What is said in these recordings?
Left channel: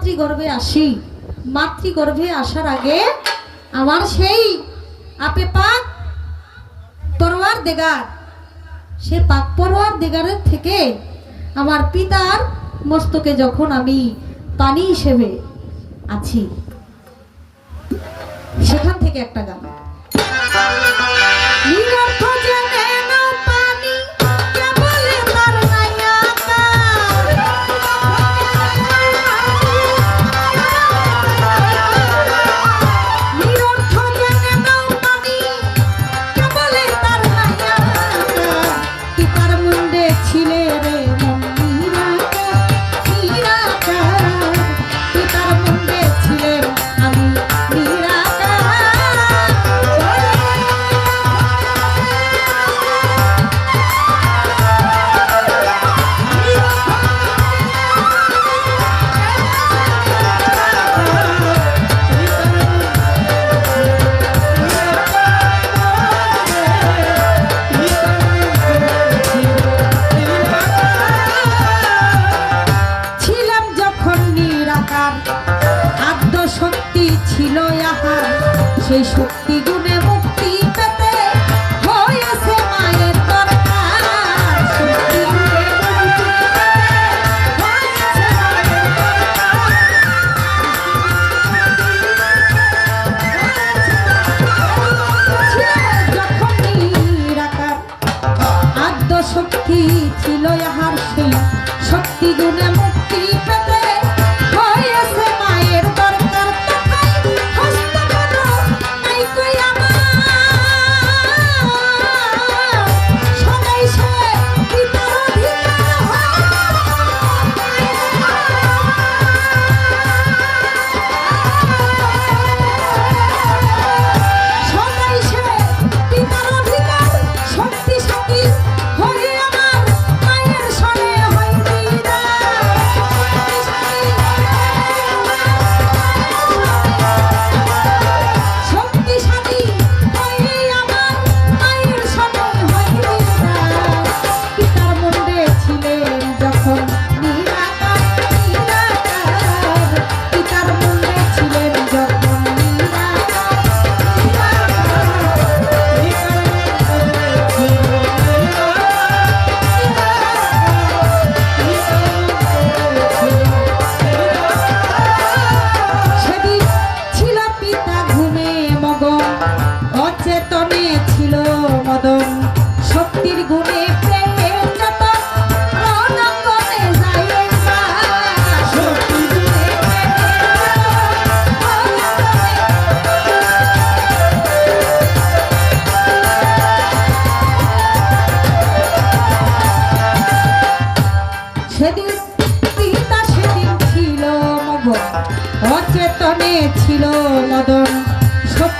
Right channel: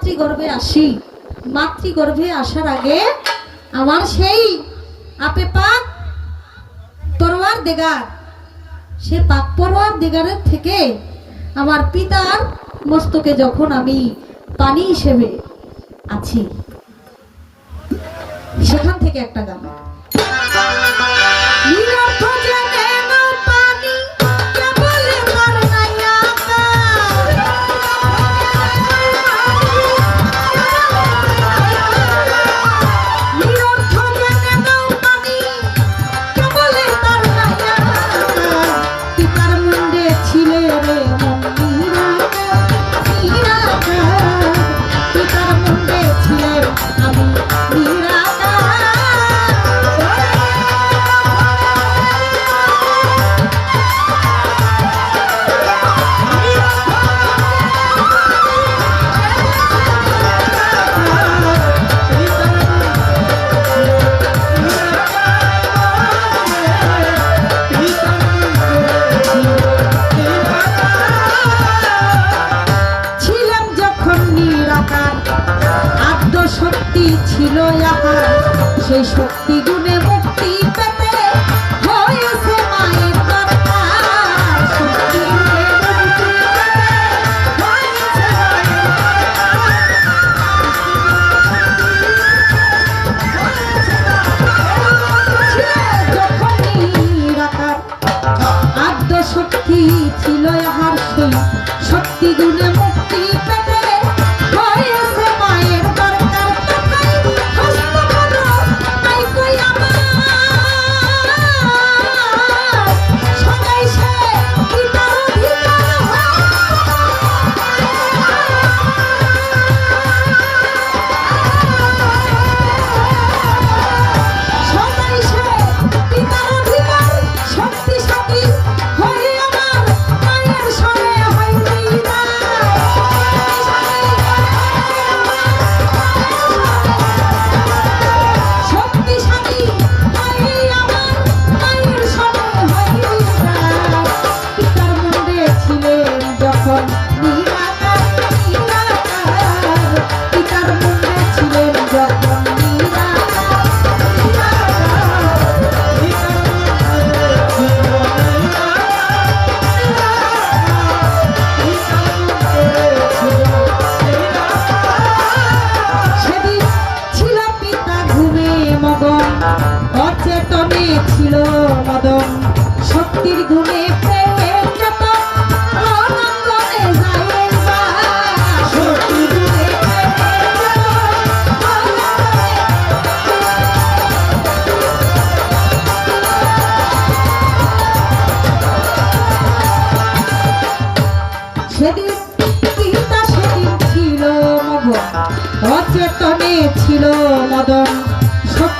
মাতৃগর্ভে আসি। মাতৃগর্ভে আসার আগে আমার সেই আপে পাক পরওয়ার দেগার, সে পাক পরওয়ার দেগারের থেকে আমার পিতার মস্তকে যখন আমি পানি হিসেবে আছি, সেখান থেকে একটা গান। নিরাকার আদ্য শক্তি ছিল আহার সেই শক্তি গুণে মুক্তি গুণে মুক্তি পেতে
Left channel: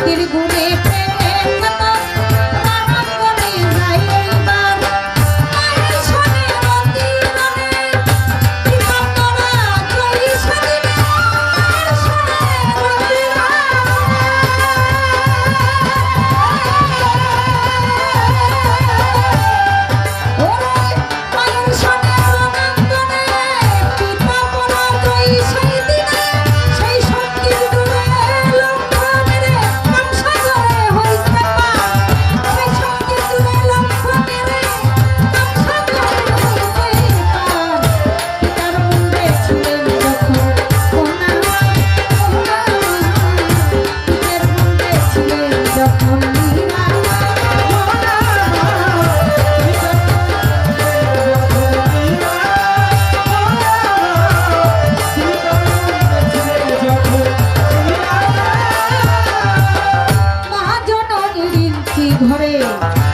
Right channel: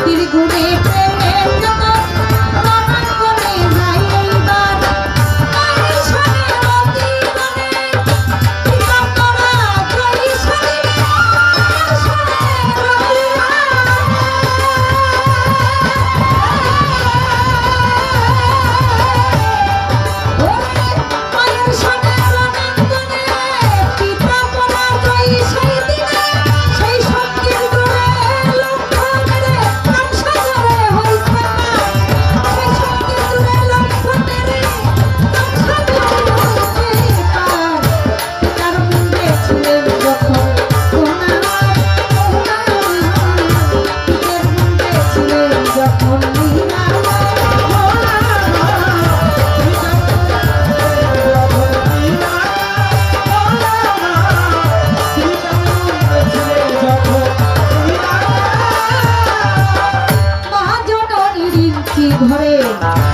Tiri guri পাখি ঘরে